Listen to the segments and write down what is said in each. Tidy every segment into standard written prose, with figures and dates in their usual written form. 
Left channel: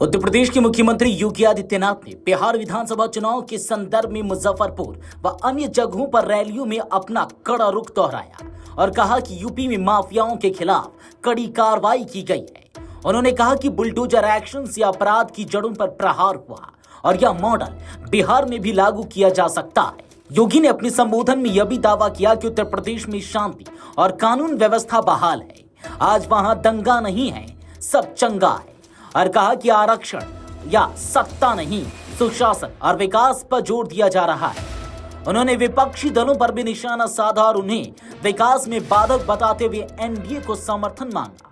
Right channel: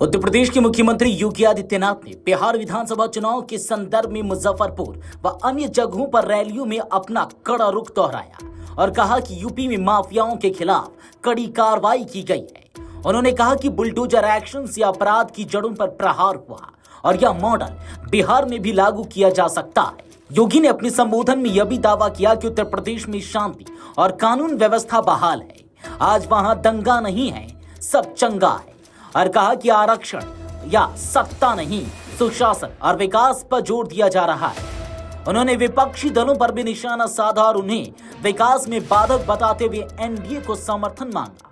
उत्तर प्रदेश के मुख्यमंत्री योगी आदित्यनाथ ने बिहार विधानसभा चुनाव के संदर्भ में मुजफ्फरपुर व अन्य जगहों पर रैलियों में अपना कड़ा रुख दोहराया और कहा कि यूपी में माफियाओं के खिलाफ कड़ी कार्रवाई की गई है। उन्होंने कहा कि बुलडोजर एक्शन से अपराध की जड़ों पर प्रहार हुआ और यह मॉडल बिहार में भी लागू किया जा सकता है। योगी ने अपने संबोधन में यह भी दावा किया कि उत्तर प्रदेश में शांति और कानून व्यवस्था बहाल है। आज वहां दंगा नहीं है, सब चंगा है। और कहा कि आरक्षण या सत्ता नहीं, सुशासन और विकास पर जोर दिया जा रहा है। उन्होंने विपक्षी दलों पर भी निशाना साधा और उन्हें विकास में बाधक बताते हुए एनडीए को समर्थन मांगा।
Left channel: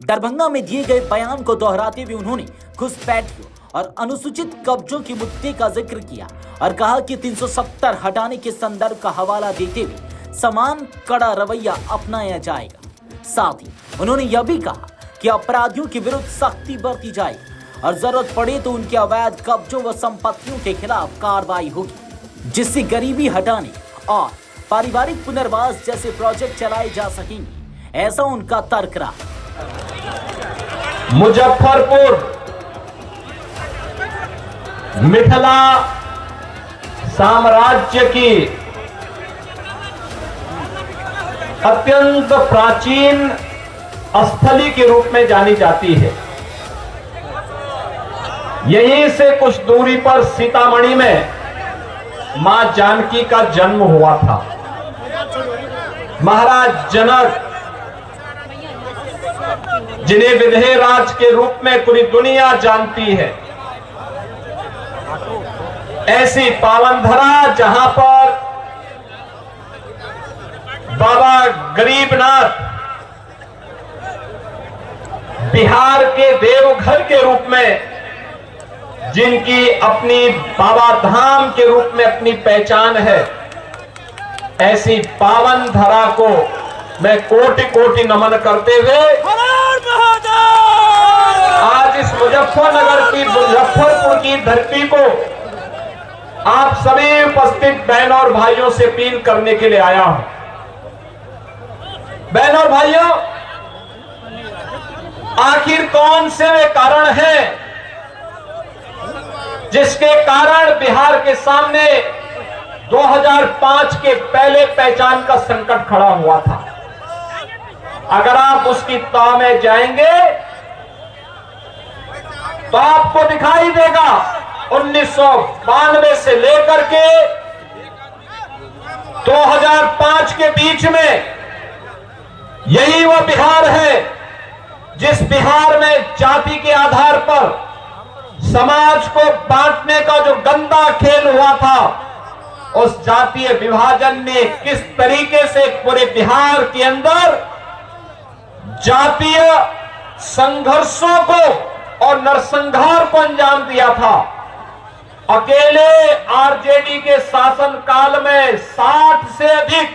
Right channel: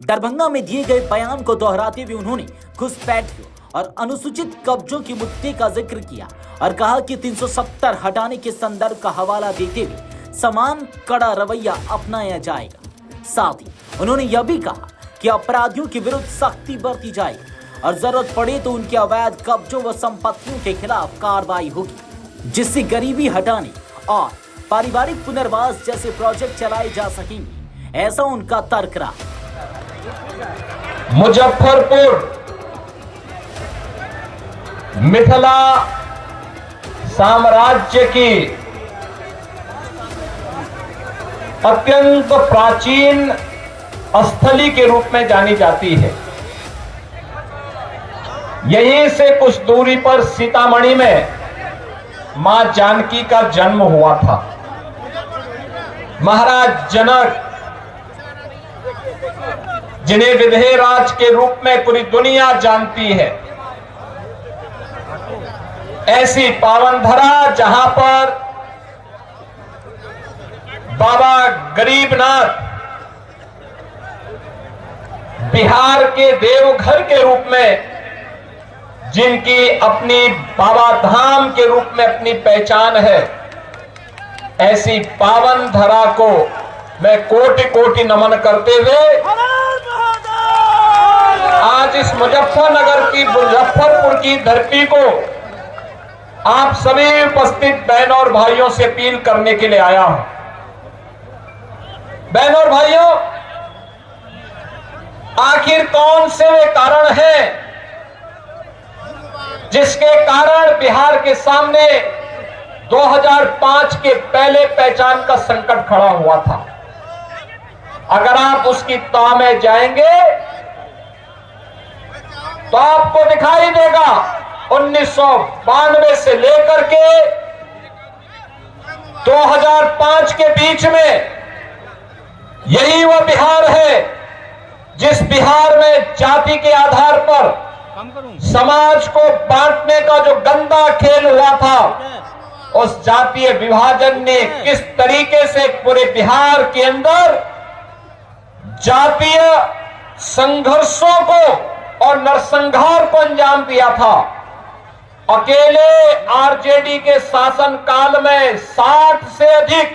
दरभंगा में दिए गए बयान को दोहराते हुए उन्होंने घुसपैठियों और अनुसूचित कब्जों के मुद्दे का जिक्र किया और कहा कि 370 हटाने के संदर्भ का हवाला देते हुए समान कड़ा रवैया अपनाया जाएगा। साथ ही उन्होंने यह भी कहा कि अपराधियों के विरुद्ध सख्ती बरती जाएगी और जरूरत पड़े तो उनके अवैध कब्जों व संपत्तियों के खिलाफ कार्रवाई होगी, जिससे गरीबी हटाने और पारिवारिक पुनर्वास जैसे प्रोजेक्ट चलाए जा सकेंगे, ऐसा उनका तर्क रहा। मुजफ्फरपुर मिथिला साम्राज्य की अत्यंत प्राचीन स्थली के रूप में जानी जाती है। यहीं से कुछ दूरी पर सीतामढ़ी में मां जानकी का जन्म हुआ था। महाराज जनक, जिन्हें विधेय राज के रूप में पूरी दुनिया जानती है, ऐसी पावन धरा जहां पर बाबा गरीबनाथ बिहार के देवघर के रूप में, जिनकी अपनी बाबा धाम के रूप में अपनी पहचान है, ऐसी पावन धरा को मैं कोटि कोटि नमन करते हुए आज इस मुजफ्फरपुर की धरती को आप सभी उपस्थित बहन और भाइयों से अपील करने के लिए आया हूं। बहन और भाइयों, आखिर कौन से वे कारण हैं जिसके कारण बिहार के सामने 2005 के पहले पहचान का संकट खड़ा हुआ था? अगर आप उसकी तह में जाएंगे तो आपको दिखाई देगा 1992 से लेकर के 2005 के बीच में यही वह बिहार है जिस बिहार में जाति के आधार पर समाज को बांटने का जो गंदा खेल हुआ था, उस जातीय विभाजन ने किस तरीके से पूरे बिहार के अंदर जातीय संघर्षों को और नरसंहार को अंजाम दिया था। अकेले आरजेडी के शासन काल में 60 से अधिक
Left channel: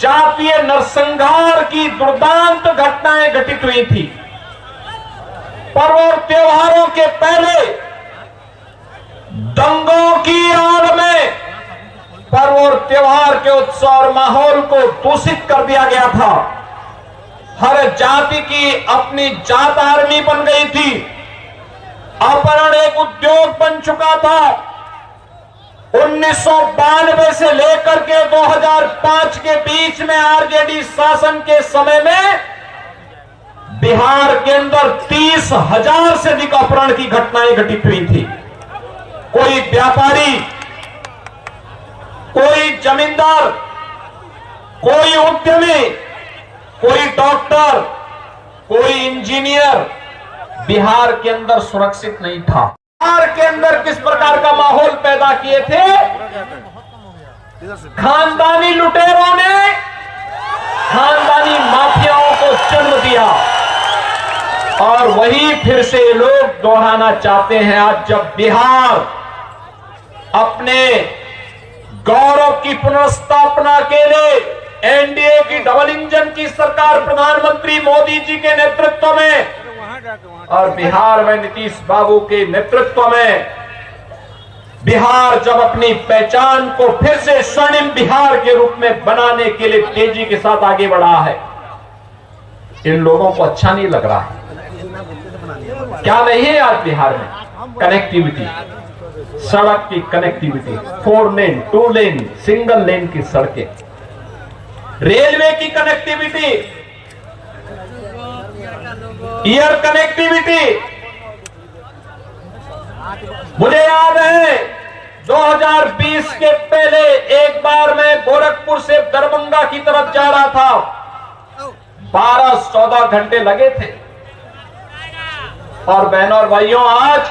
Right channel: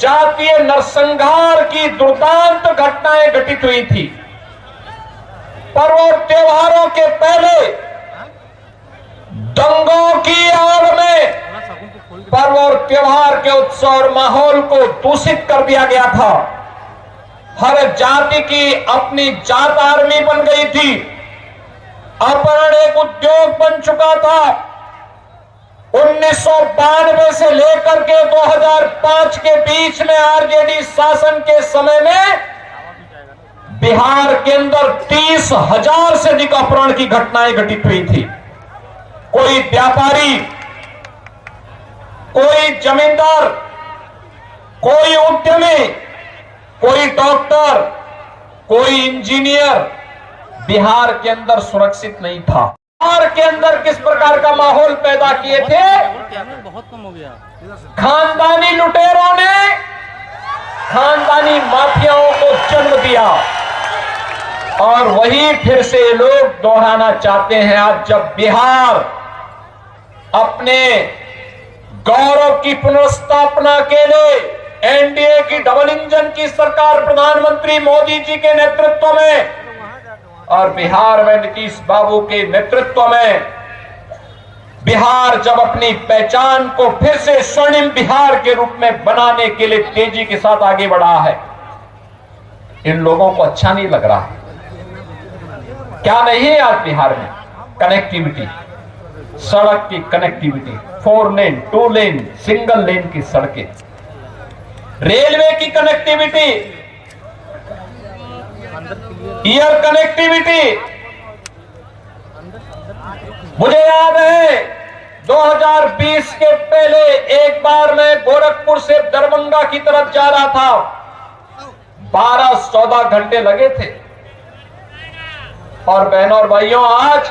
जातीय नरसंहार की दुर्दांत घटनाएं घटित हुई थी। पर्व और त्योहारों के पहले दंगों की आड़ में पर्व और त्योहार के उत्सव और माहौल को दूषित कर दिया गया था। हर जाति की अपनी जात आर्मी बन गई थी। अपहरण एक उद्योग बन चुका था। 1992 से लेकर के 2005 के बीच में आरजेडी शासन के समय में बिहार के अंदर 30,000 से अधिक अपहरण की घटनाएं घटित हुई थी। कोई व्यापारी, कोई जमींदार, कोई उद्यमी, कोई डॉक्टर, कोई इंजीनियर बिहार के अंदर सुरक्षित नहीं था। बिहार के अंदर किस प्रकार का माहौल पैदा किए थे? खानदानी लुटेरों ने खानदानी माफियाओं को जन्म दिया और वही फिर से लोग दोहराना चाहते हैं। आज जब बिहार अपने गौरव की पुनर्स्थापना के लिए एनडीए की डबल इंजन की सरकार प्रधानमंत्री मोदी जी के नेतृत्व में और बिहार में नीतीश बाबू के नेतृत्व में बिहार जब अपनी पहचान को फिर से स्वर्णिम बिहार के रूप में बनाने के लिए तेजी के साथ आगे बढ़ा है, इन लोगों को अच्छा नहीं लग रहा है। क्या नहीं है आज बिहार में? कनेक्टिविटी, सड़क की कनेक्टिविटी, 4 लेन, 2 लेन, सिंगल लेन की सड़कें, रेलवे की कनेक्टिविटी, एयर कनेक्टिविटी। मुझे याद है 2020 के पहले एक बार मैं गोरखपुर से दरभंगा की तरफ जा रहा था, 12-14 घंटे लगे थे। और बहनों और भाइयों, आज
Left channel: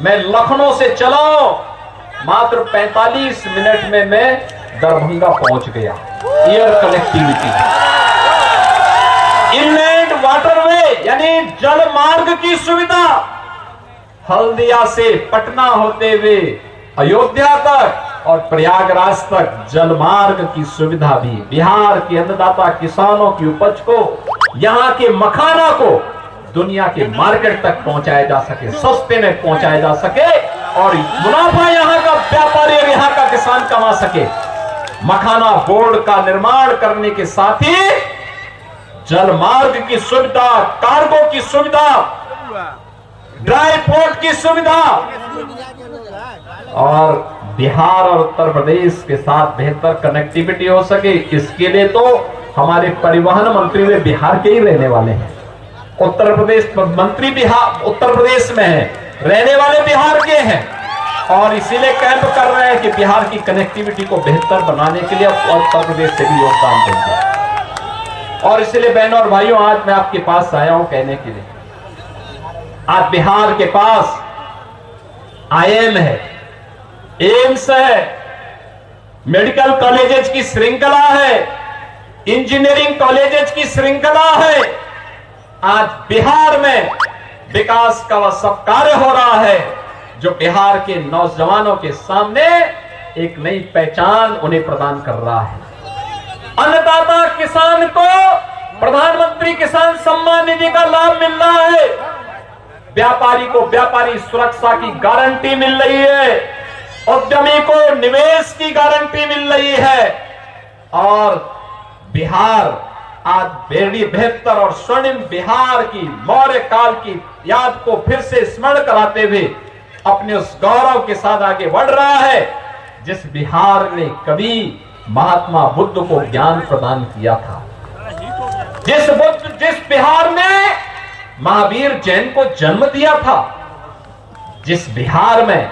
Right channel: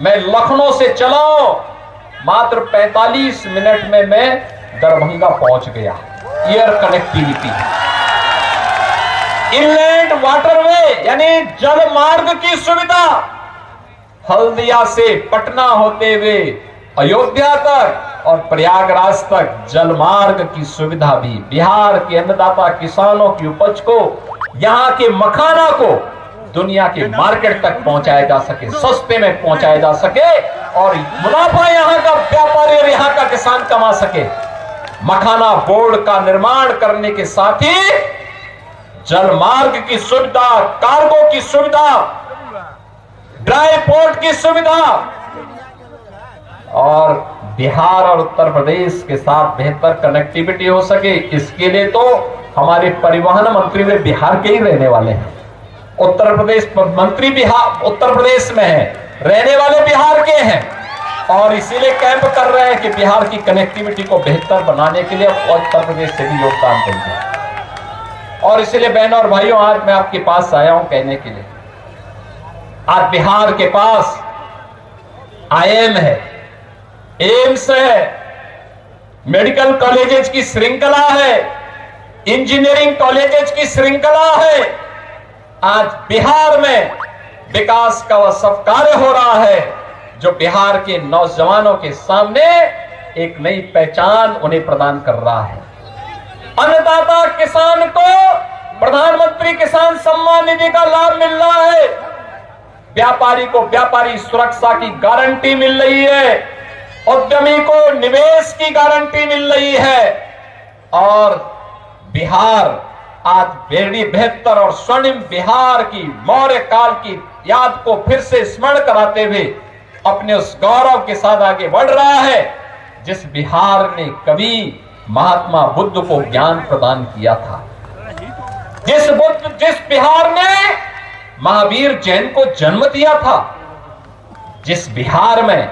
मैं लखनऊ से चला मात्र 45 मिनट में मैं दरभंगा पहुंच गया। एयर कनेक्टिविटी, इनलैंड वाटरवे यानी जल मार्ग की सुविधा, हल्दिया से पटना होते हुए अयोध्या तक और प्रयागराज तक जल मार्ग की सुविधा भी बिहार के अन्नदाता किसानों की उपज को, यहां के मखाना को दुनिया के मार्केट तक पहुंचाया जा सके, सस्ते में पहुंचाया जा सके और मुनाफा यहां का व्यापारी और यहां का किसान कमा सके। मखाना बोर्ड का निर्माण करने के साथ ही जल मार्ग की सुविधा, कार्गो की सुविधा, ड्राई पोर्ट की सुविधा और बिहार और उत्तर प्रदेश के साथ बेहतर कनेक्टिविटी हो सके, इसके लिए तो हमारे परिवहन मंत्री वे बिहार के ही रहने वाले हैं। उत्तर प्रदेश मंत्री बिहार उत्तर प्रदेश में है, रहने वाले बिहार के हैं और इसीलिए कैंप कर रहे हैं कि बिहार की कनेक्टिविटी को बेहतर बनाने के लिए उत्तर प्रदेश से भी योगदान देंगे। और इसलिए बहनों और भाइयों, आज मैं आपके पास आया हूं कहने के लिए, आज बिहार के पास आईएम है, एम्स है, मेडिकल कॉलेजेस की श्रृंखला है, इंजीनियरिंग कॉलेजेस की श्रृंखला है। आज बिहार में विकास का वह सब कार्य हो रहा है जो बिहार के नौजवानों के सामने एक नई पहचान उन्हें प्रदान कर रहा है। अन्नदाता किसान को प्रधानमंत्री किसान सम्मान निधि का लाभ मिल रहा है, व्यापारी को व्यापारी सुरक्षा की गारंटी मिल रही है, उद्यमी को निवेश की गारंटी मिल रही है और बिहार आज बेहड़ी बेहतर और स्वर्णिम बिहार की मौर्य काल की याद को फिर से स्मरण कराते हुए अपने उस गौरव के साथ आगे बढ़ रहा है जिस बिहार ने कभी महात्मा बुद्ध को ज्ञान प्रदान किया था, जिस बिहार ने महावीर जैन को जन्म दिया था, जिस बिहार में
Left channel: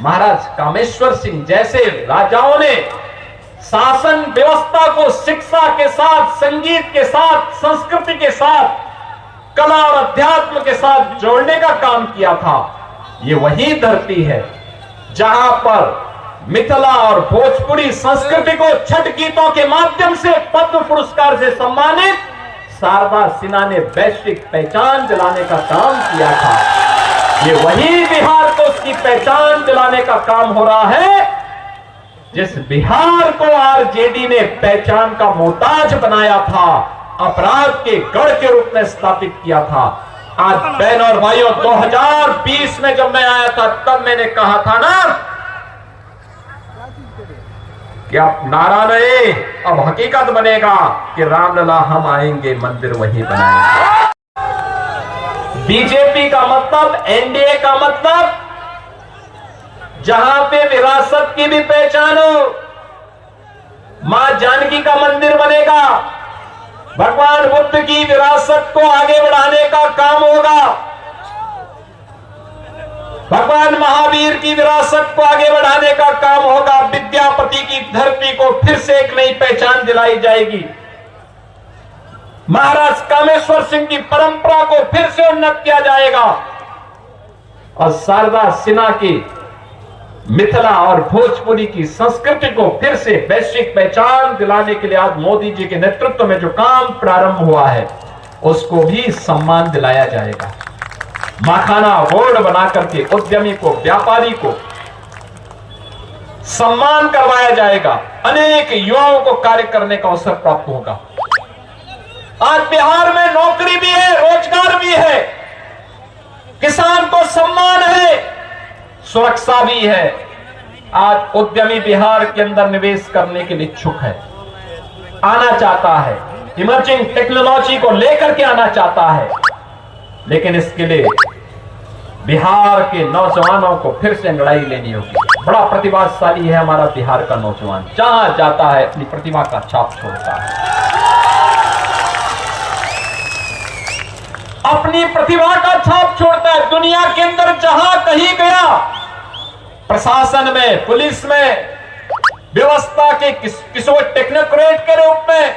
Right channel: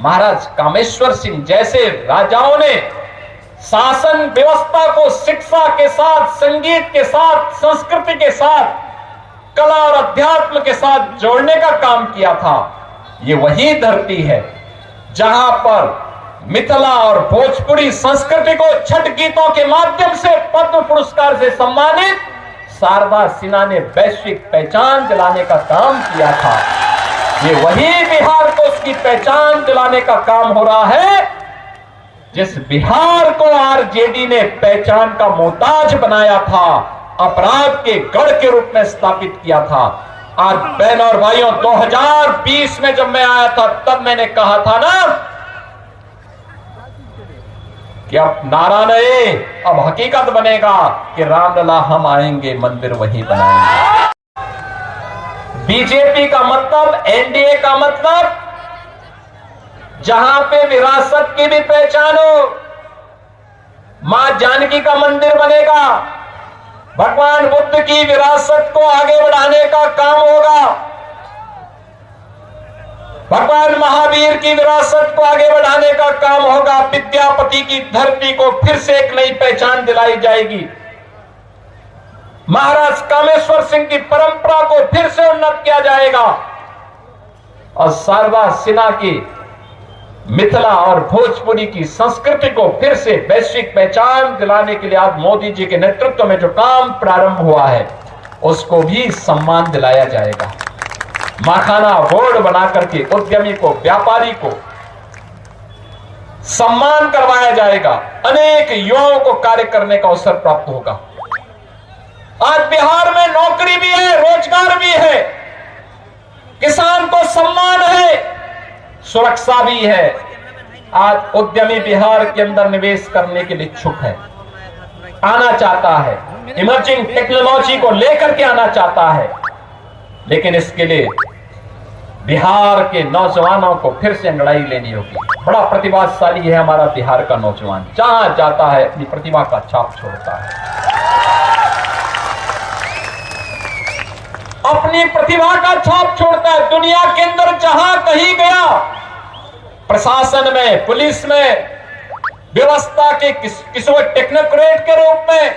महाराज कामेश्वर सिंह जैसे राजाओं ने शासन व्यवस्था को शिक्षा के साथ, संगीत के साथ, संस्कृति के साथ, कला और अध्यात्म के साथ जोड़ने का काम किया था। ये वही धरती है जहां पर मिथिला और भोजपुरी संस्कृति को छठ गीतों के माध्यम से पद्म पुरस्कार से सम्मानित शारदा सिन्हा ने वैश्विक पहचान दिलाने का काम किया था। ये वही बिहार को उसकी पहचान दिलाने का काम हो रहा है जिस बिहार को आरजेडी ने पहचान का मोहताज बनाया था, अपराध के गढ़ के रूप में स्थापित किया था। आज बहनों और भाइयों, 2020 में जब मैं आया था तब मैंने कहा था ना कि अब नारा नहीं, अब हकीकत बनेगा कि रामलला हम आएंगे, मंदिर वही बनाएंगे। बीजेपी का मतलब, एनडीए का मतलब जहां पे विरासत की भी पहचान हो, मां जानकी का मंदिर बनेगा, भगवान बुद्ध की विरासत को आगे बढ़ाने का काम होगा, भगवान महावीर की विरासत को आगे बढ़ाने का काम होगा, विद्यापति की धरती को फिर से एक नई पहचान दिलाई जाएगी, महाराज कामेश्वर सिंह की परंपरा को फिर से उन्नत किया जाएगा और शारदा सिन्हा की मिथिला और भोजपुरी की संस्कृति को फिर से वैश्विक पहचान दिलाने के लिए आज मोदी जी के नेतृत्व में जो काम प्रारंभ हुआ है उसको भी सम्मान दिलाया जाएगा। मखाना बोर्ड बनाकर के उद्यमी को, व्यापारी को सम्मान करवाया जाएगा, अनेक युवाओं को कार्य करने का अवसर प्राप्त होगा। आज बिहार में नौकरी भी है, रोजगार भी है, किसान को सम्मान है, सुरक्षा भी है। आज उद्यमी बिहार के अंदर निवेश करने के लिए इच्छुक है, आना चाहता है, इमर्जिंग टेक्नोलॉजी को लेकर के आना चाहता है। लेकिन इसके लिए बिहार के नौजवानों को फिर से लड़ाई लेनी होगी। बड़ा प्रतिभाशाली है हमारा बिहार का नौजवान, जहां जाता है अपनी प्रतिभा का छाप छोड़ता है, अपनी प्रतिभा का छाप छोड़ता है। दुनिया के अंदर जहां कहीं गया, प्रशासन में, पुलिस में, व्यवस्था के किसी टेक्नोक्रेट के रूप में,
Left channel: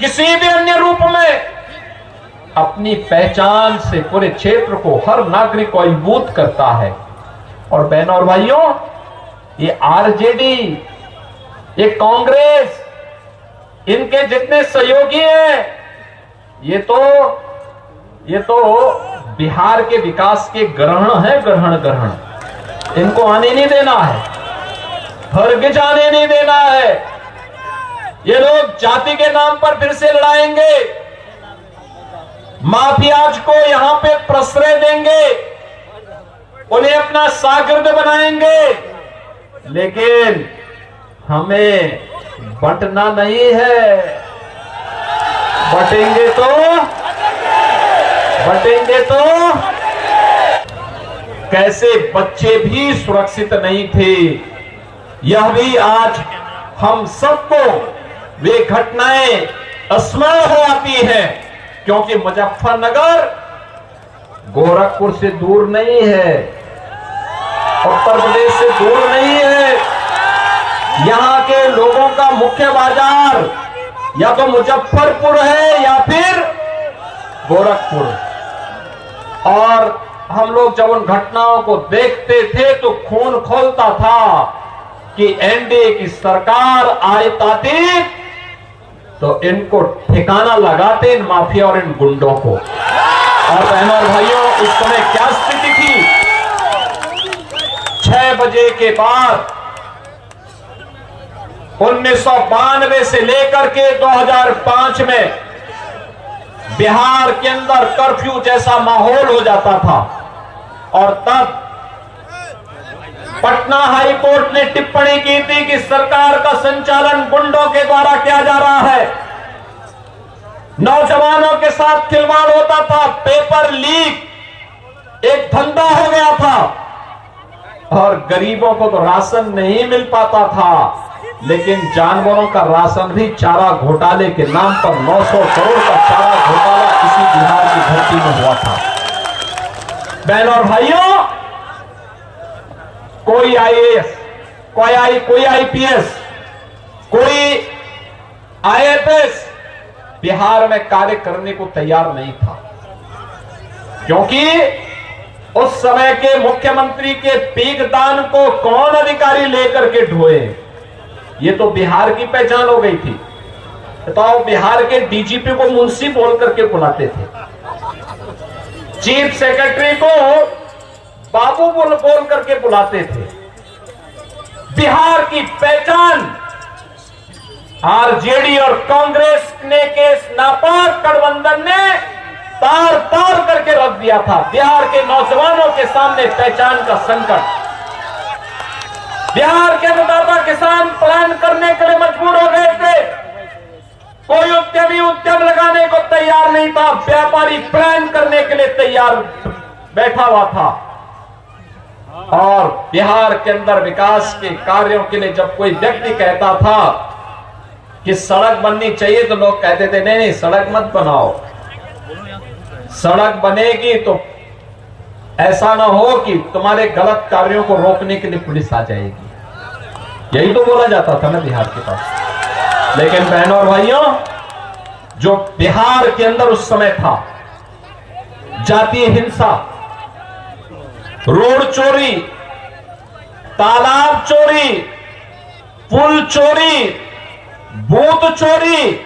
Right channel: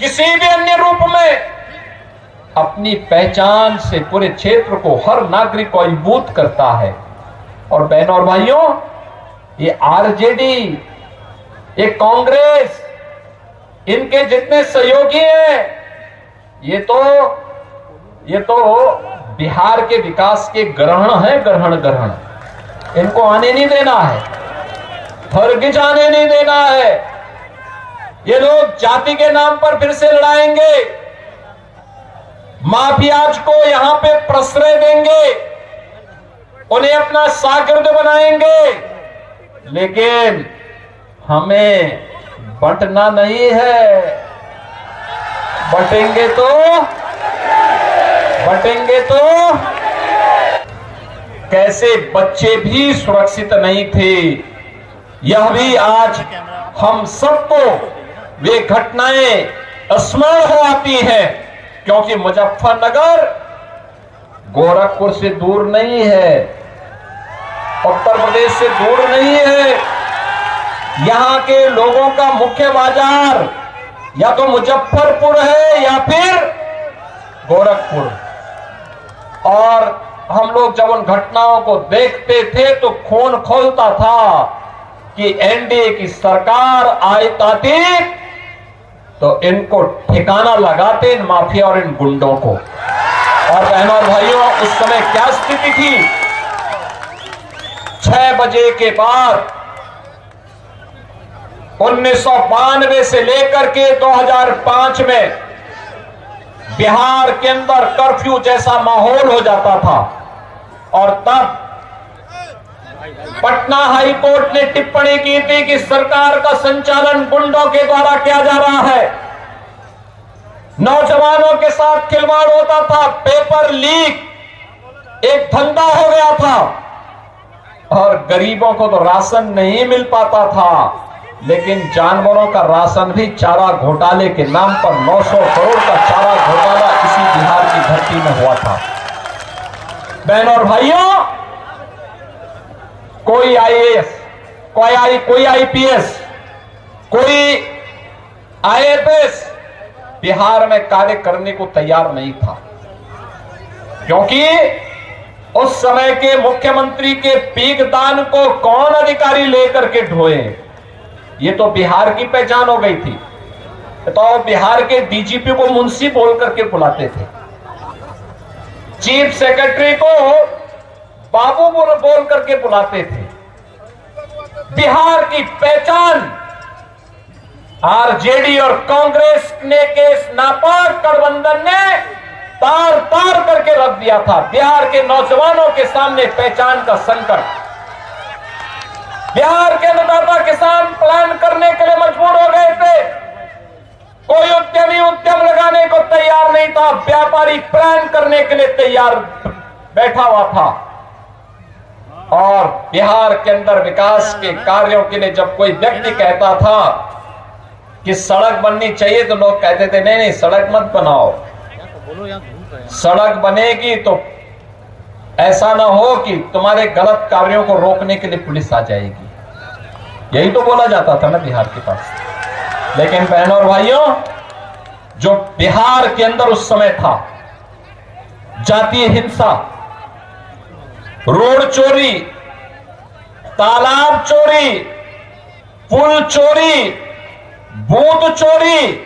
किसी भी अन्य रूप में अपनी पहचान से पूरे क्षेत्र को, हर नागरिक को अभिभूत करता है। और बहनों और भाइयों, ये आरजेडी, ये कांग्रेस, इनके जितने सहयोगी हैं, ये तो बिहार के विकास के ग्रहण है, ग्रहण। इनको आने नहीं देना है, हरगिज आने नहीं देना है। ये लोग जाति के नाम पर फिर से लड़ाएंगे, माफियाज को यहां पे प्रश्रय देंगे, उन्हें अपना शागिर्द बनाएंगे, लेकिन हमें बंटना नहीं है। बटेंगे तो कैसे बच्चे भी सुरक्षित नहीं थे, यह भी आज हम सबको वे घटनाएं स्मरण हो आती हैं, क्योंकि मुजफ्फरनगर गोरखपुर से दूर नहीं है, उत्तर प्रदेश से दूर नहीं है। यहां के लोगों का मुख्य बाजार या तो मुजफ्फरपुर है या फिर गोरखपुर। और हम लोग जब उन घटनाओं को देखते थे तो खून खौलता था कि एनडीए की सरकार आती तो इनको ठिकाना लगाते, इन माफिया और इन गुंडों को। और बहनों और भाइयों, उस समय क्या स्थिति थी? 6 बजे के बाद 1992 से लेकर के 2005 में बिहार के अंदर कर्फ्यू जैसा माहौल हो जाता था। और तब पटना हाई कोर्ट ने टिप्पणी की थी कि सरकार का संचालन गुंडों के द्वारा किया जा रहा है, नौजवानों के साथ खिलवाड़ होता था, पेपर लीक एक धंधा हो गया था, और गरीबों को तो राशन नहीं मिल पाता था, लेकिन जानवरों का राशन भी चारा घोटाले के नाम पर 900 करोड़ का चारा घोटाला इसी बिहार की धरती में हुआ था। बहनों और भाइयों, कोई आईएएस, कोई आईपीएस, कोई आईएफएस बिहार में कार्य करने को तैयार नहीं था, क्योंकि उस समय के मुख्यमंत्री के पीकदान को कौन अधिकारी लेकर के ढोए, ये तो बिहार की पहचान हो गई थी। तो बिहार के डीजीपी को मुंशी बोल करके बुलाते थे, चीफ सेक्रेटरी को बाबू बोल करके बुलाते थे। बिहार की पहचान आरजेडी और कांग्रेस ने के नापाक गठबंधन ने तार तार करके रख दिया था। बिहार के नौजवानों के सामने पहचान का संकट, बिहार के अन्नदाता किसान प्लान करने के लिए मजबूर हो गए थे। कोई उद्यमी उद्यम लगाने को तैयार नहीं था, व्यापारी प्लान करने के लिए तैयार बैठा हुआ था। और बिहार के अंदर विकास के कार्यों के लिए जब कोई व्यक्ति कहता था कि सड़क बननी चाहिए, तो लोग कहते थे नहीं सड़क मत बनाओ, सड़क बनेगी तो ऐसा ना हो कि तुम्हारे गलत कार्यों को रोकने के लिए पुलिस आ जाएगी। यही तो बोला जाता था ना बिहार के पास। लेकिन बहनों और भाइयों, जो बिहार के अंदर उस समय था, जातीय हिंसा, रोड चोरी, तालाब चोरी, पुल चोरी, बूथ चोरी,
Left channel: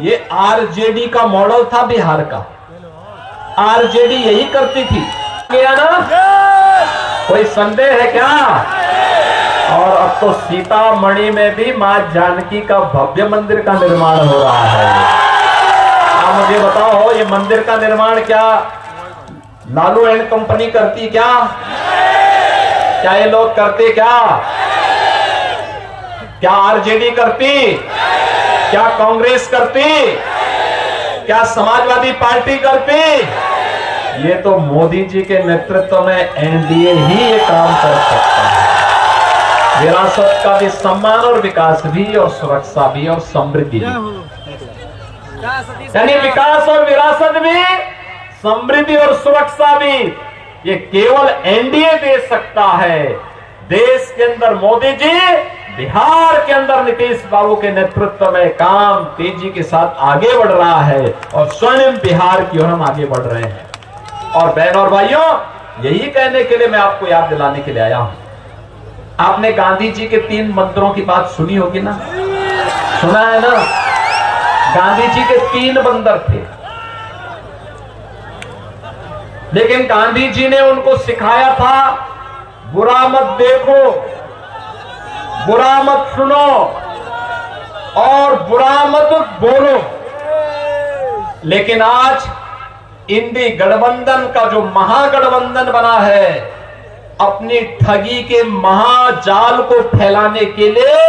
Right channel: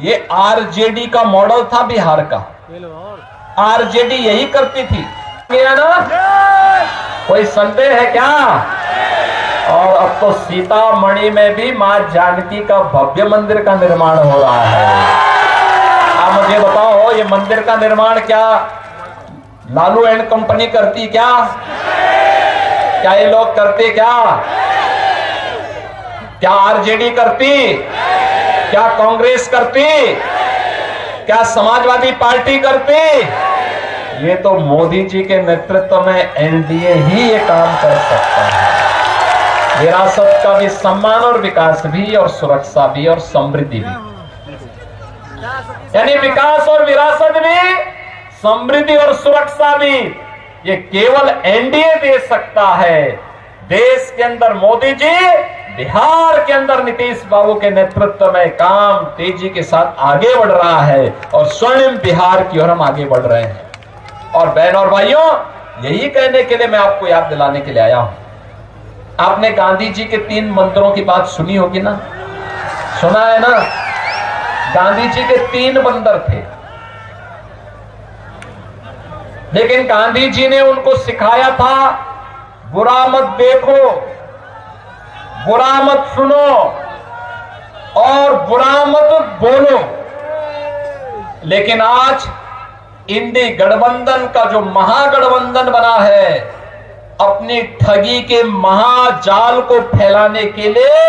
ये आरजेडी का मॉडल था बिहार का। आरजेडी यही करती थी, क्या ना? कोई संदेह है क्या? और अब तो सीतामढ़ी में भी मां जानकी का भव्य मंदिर का निर्माण हो रहा है। आप मुझे बताओ, ये मंदिर का निर्माण क्या लालू एंड कंपनी करती क्या ये लोग करते क्या आरजेडी करती, क्या कांग्रेस करती, क्या समाजवादी पार्टी करती? ये तो मोदी जी के नेतृत्व में एनडीए ही ये काम कर सकता है। विरासत का भी सम्मान और विकास भी और सुरक्षा भी और समृद्धि भी, यानी विकास और विरासत भी, समृद्धि और सुरक्षा भी, ये केवल एनडीए दे सकता है। देश के अंदर मोदी जी, बिहार के अंदर नीतीश बाबू के नेतृत्व में काम तेजी के साथ आगे बढ़ रहा है और स्वर्णिम बिहार की ओर हम आगे बढ़ रहे हैं। और बहन और भाइयों, यही कहने के लिए मैं आपको याद दिलाने के लिए आया हूं। आपने गांधी जी के 3 मंत्रों की बात सुनी होगी ना, सुना है ना? गांधी जी के 3 बंदर थे, लेकिन गांधी जी ने उनको सिखाया था, बुरा मत देखो, बुरा मत सुनो और बुरा मत बोलो। लेकिन आज इंडी गठबंधन का जो महागठबंधन बना है, अपनी ठगी के महाजाल को फैलाने के लिए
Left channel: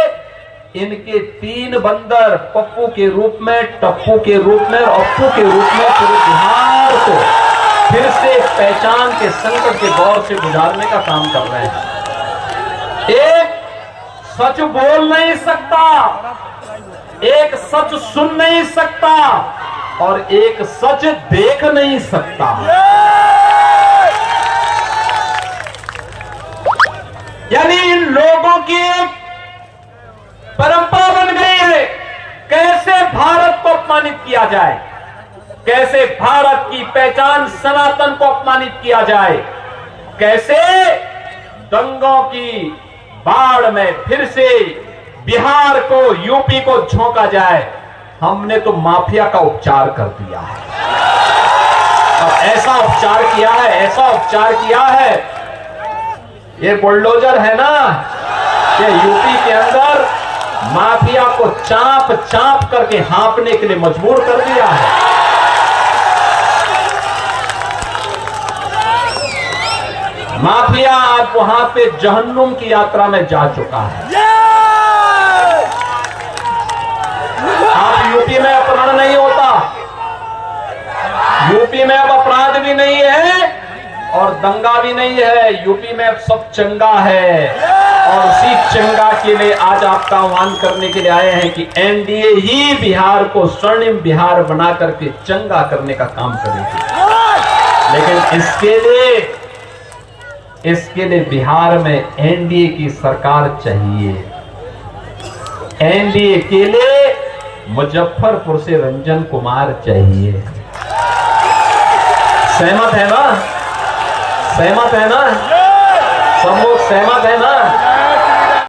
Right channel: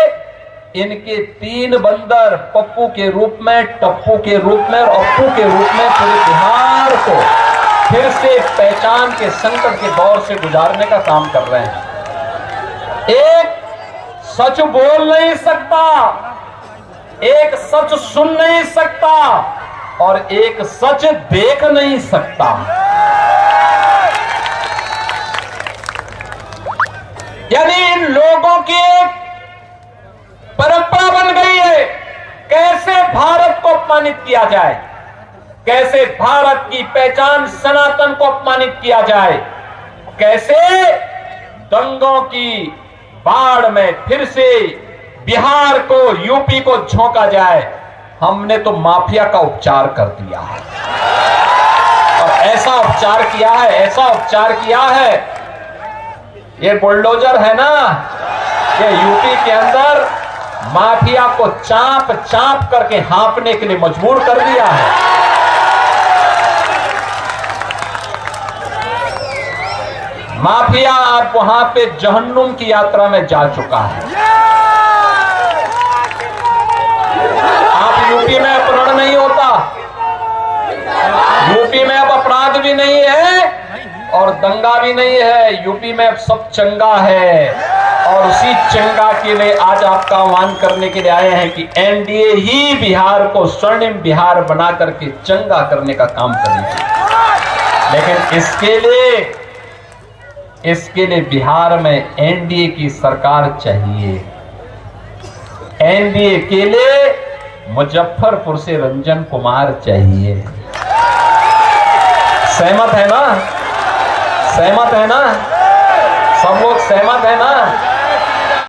इनके 3 बंदर पप्पू के रूप में, टप्पू के रूप में और अप्पू के रूप में पूरे बिहार को फिर से पहचान के संकट के दौर से गुजारने का काम कर रहे हैं। एक सच बोल नहीं सकता, एक सच सुन नहीं सकता और एक सच देख नहीं सकता। यानी इन लोगों की एक परंपरा बन गई है, कैसे भारत को अपमानित किया जाए, कैसे भारत की पहचान सनातन को अपमानित किया जाए, कैसे दंगों की बाढ़ में फिर से बिहार को, यूपी को झोंका जाए। हमने तो माफिया का उपचार कर दिया है और ऐसा उपचार किया है, ऐसा उपचार किया है, ये बुलडोजर है ना, ये यूपी के अंदर माफिया को चाप चाप करके हाँपने के लिए मजबूर कर दिया है। माफिया आज वहां पे जहन्नुम की यात्रा में जा चुका है। आप यूपी में अपहरण नहीं होता, यूपी में अब अपराध भी नहीं है और दंगा भी नहीं है, यूपी में अब सब चंगा है। और उसी चंगा के लिए आज आपका आह्वान करने के लिए आए हैं कि एनडीए ही बिहार को स्वर्णिम बिहार बना करके चंगा करने का काम करेगी। लेकिन इसके लिए बिहार में एनडीए की सरकार चाहिए। एनडीए के लिए मुजफ्फरपुर से रंजन कुमार चाहिए। सहमत है ना? सहमत है ना? सब लोग सहमत है ना?